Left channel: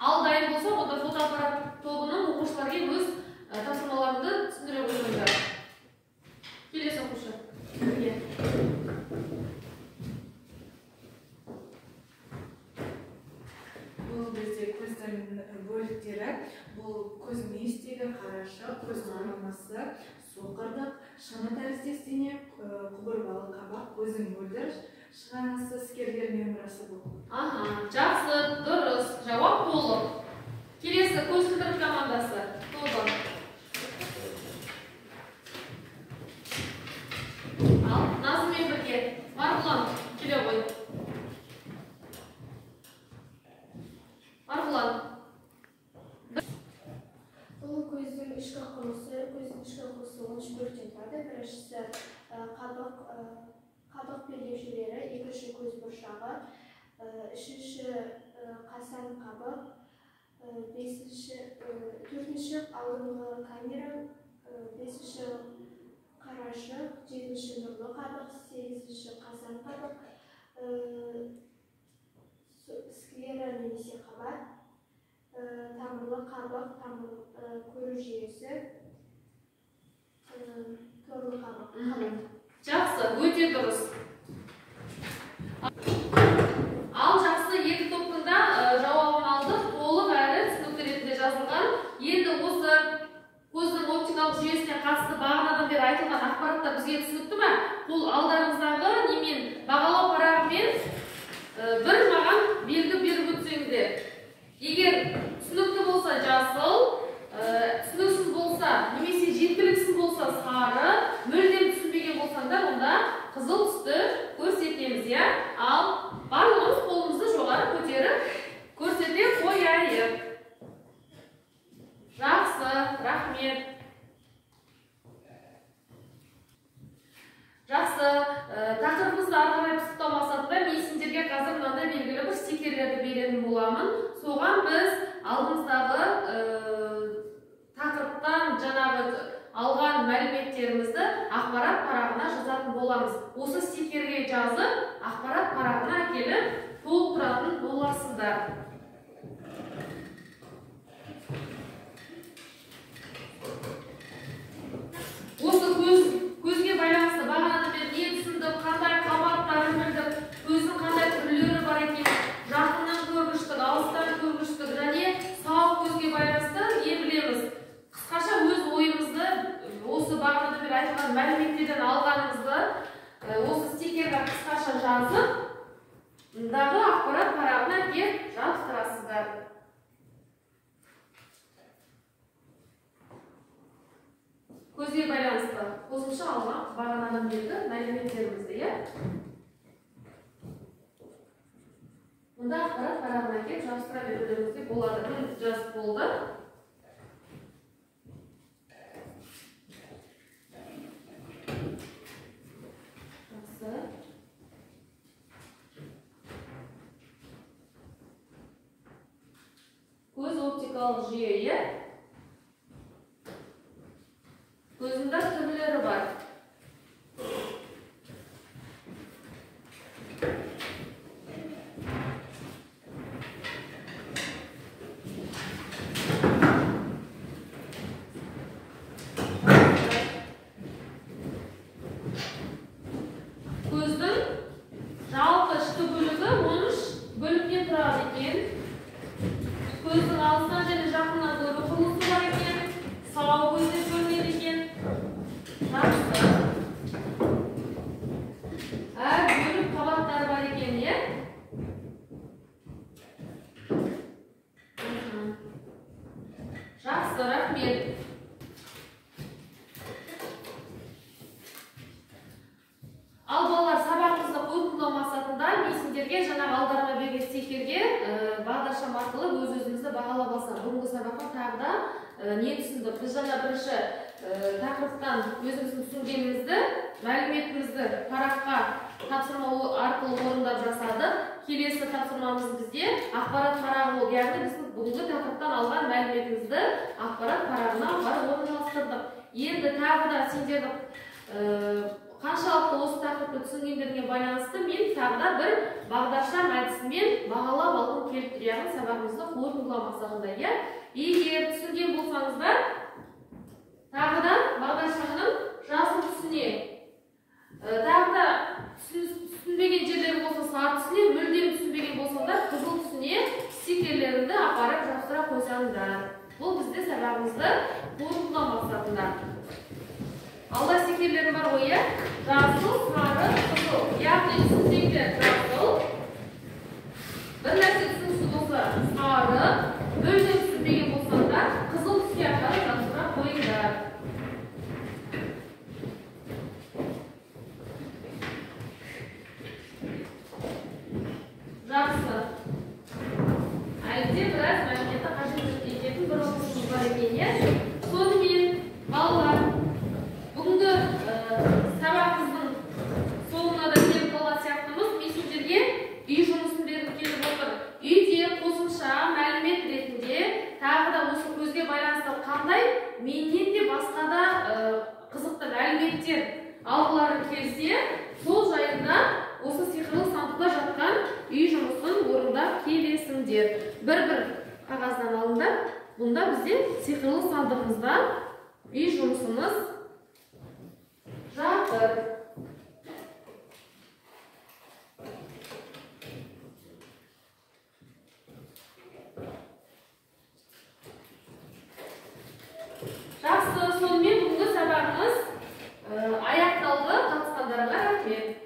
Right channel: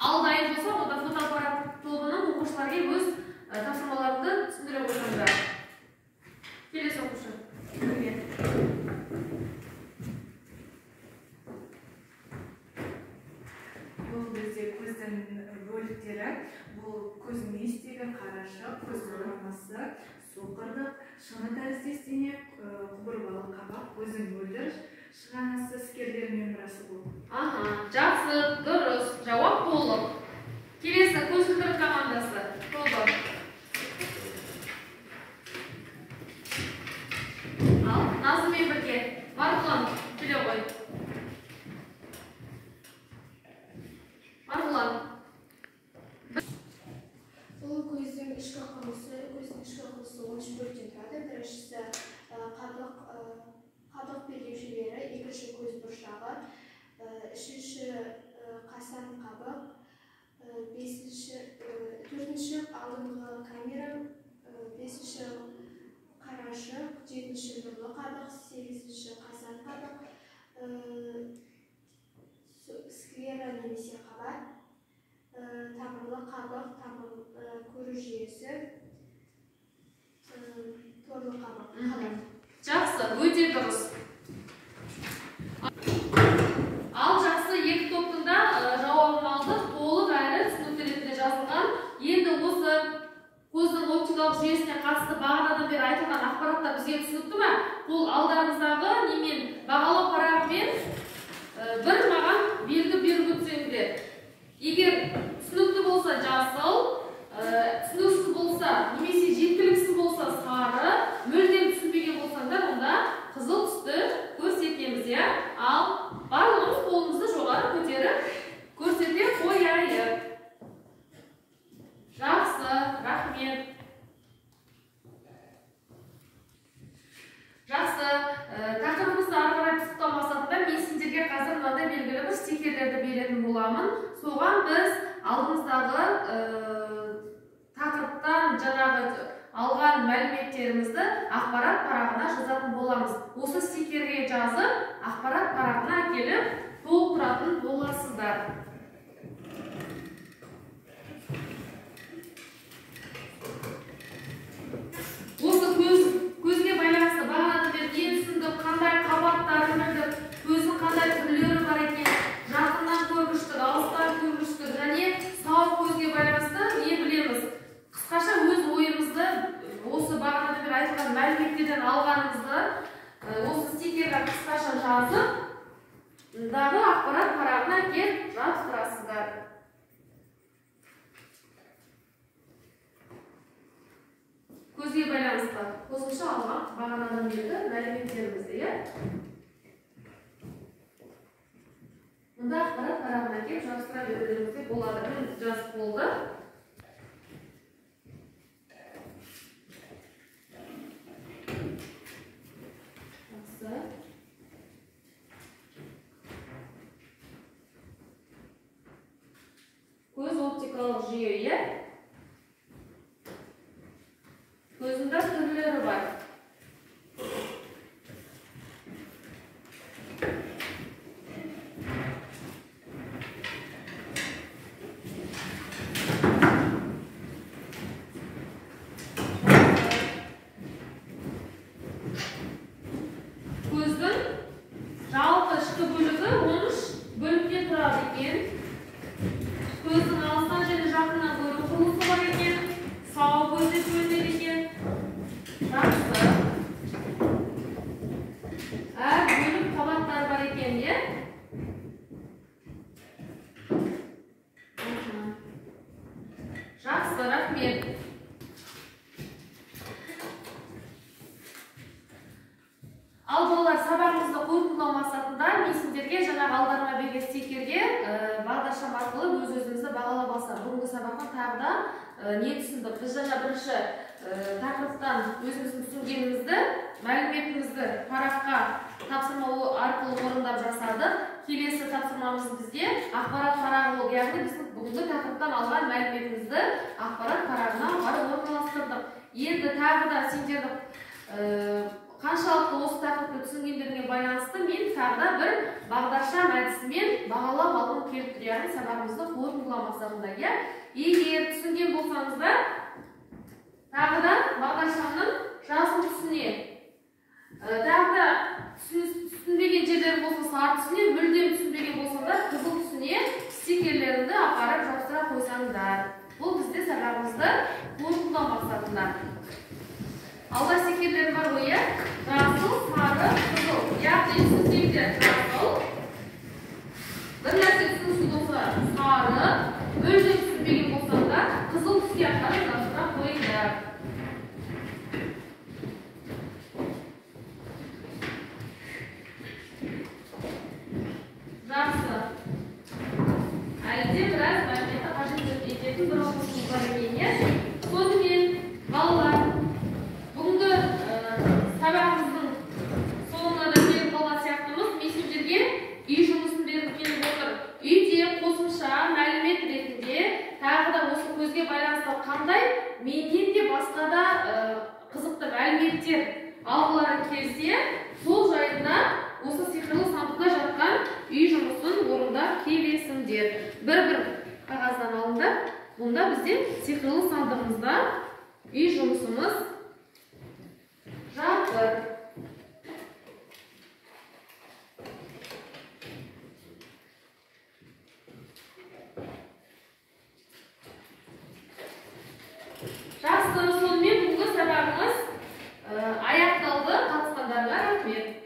Ал дайын болса, онда фотоаппарат тобының оқушыларға өз тапсырмаларыңды түсіндіре қойыңдар. Келесі оқушы. Бұл бізде көздің бөліктері. Бұл көздің естегі, қарашы, көздің орамасы, соқырдық, шыны тәріздесіне, құбырбалы қабақ, көздің мөлдір, шығанасы, іскерлер мембрасы бұл. Жақсы, дұрыс. Жауап толық. Келесі көзілдірік командасы. Толық. Ал, Назыммен бірге. Марғұлан, келе ғой. Марғұлан. Бұл көздің ішкі құрылысы, 13 бөліктен тұрады. Біріншісі қабық белдеушелері, екінші көз бұршағы, үшінші қасан қабық, төртінші алдыңғы камера, бесінші қарашық, жетінші нұрлы қабық, сегізінші қасан қабық, склера немесе қабат, тамырлы қабық, көру жүйесі, торлы қабық. Жақсы, өте дұрыс. Ал жақсы, екі топтың да жауабын алдық. Толық әрі түсінікті ретінде жазылған. Енді осы көздің оптикалық жүйесіне қатысты бағанадан бері айтылған ақпараттар бізге түсінікті ме? Бұл алдарыңыздағы немен бағалау парағымен бір маған белгі беріп өтсеңіздер. Егер түсінікті болса жасыл, түсініксіз болса немесе жеткіліксіз болса сары, мүлдем түсінбеген болсаңдар, онда қызыл түсті көрсетеміз, иә? Ал барлығымыз қолымызды жоғары көтеріп көрсете қояйық. Жақсы, рахмет. Жақсы, тақырыбымызды ары қарай пысықтау мақсатында мен сендерге қазір мынандай белгілі бір стикерлерді беретін боламын. Соған біз алдымыздағы тақырыптан жаңағы алған мәліметтерімізді ақпарат парағына жазатын боламыз. Осы стикерге жазып, ақпарат парағына әкеліп толықтыратын боласыздар. Осы көзге байланысты бағанадан бері не түсіндік, қандай қабаттарын білдік, көздің қандай түрлері бар екен, жақыннан көргіштік, алыстан көргіштік және сау көзге байланысты не білеміз? Қысқаша өз ойымызды, осы бағанадан бері айтылған мәліметтерден алғанымызды осы стикерге қысқаша жазып, мұндағы ақпарат парағына келіп жабыстырасыздар. Көзге байланысты қосымша алған бағанадан бергі мәліметтерімізді, иә? Мұнда ақпарат парағына келіп жабыстыра берулеріңізде болады. Мен жазып болды. Көз оптикалық жүйе, көзінде түрлері бар. Көздің жалпы ішкі бөлігі 13 бөліктен тұрады екен. Көздің алыстан және жақыннан көру құрылысы бар екен. Сау көз деп бөлінеді екен. Жақсы. Әр бөлік қабаттар бар екен, е? Жақсы, рахмет. Ал балалар, сабағымызды қорытындылау мақсатында мен сендерге жаңағы алдарыңа берген стикерге бағдаршам арқылы өз-өзімізді бағалап алсақ. Бүгінгі сабақтан тағы да не түсіндік? Біз жаңа бірінші тақырыптан өзіміздің түсінгенімізді, мәліметімізді параққа тапсырма арқылы орындап жасадық. Келесі тапсырмамыз бізде ақпарат парағы болды. Яғни біздің бүгінгі тақырыптан алған мәліметімізді ақпарат парағына барып орналастырдық. Енді тағы да сендерді қаншалықты осы тақырыпты түсінгендеріне байланысты мен тағы да бір бағдаршам әдісімен бағалап алғым келіп тұр. Яғни сабағымызды қорытындылау Егер түсінген болсаңыздар, тағыдан бағдаршамның жасыл түсіне, тағыда түсінбеген жерлер болса сары түсіне, мүлдем түсінбеген болсаңдар қызыл түсіне стикерлеріңді апарып жапсыра қойсаңдар. Бұл бізде сабағымызды қорытындылау мақсатында. Алда стикерлері бар ғой, жасыл, сары, қызыл. Яғни түсінсеңдер жасыл, бір нәрсе түсінсіз болса сары, мүлдем түсінбеген болсаңдар қызыл түске апарып жапсыра қойыңдар. Жақсы. Әлде біраз мәліметті қажет ететін бір оқушымыз бар екен. Сонымен, балалар, бүгінгі сабағымыздың соңына да келіп қалған сияқтымыз мессенджерге үй жұмысын беріп келіп отыр. Үйде қосымша мәлімет ретінде тағы да осы көзге байланысты қандай менен де басқа да қызықты мәліметтер алғылары келсе, сол жайында осы сиқырлы сандықта жатқан үй жұмысын орындап келесіңдер. Бір-бір қағаздан алыңдар. Бұнда бізде сиқырлы сандығымызда үй жұмысымыз жатыр. Жақсы, сонымен бүгінгі сабағымыз аяқталды. Қатысқандарға рахмет.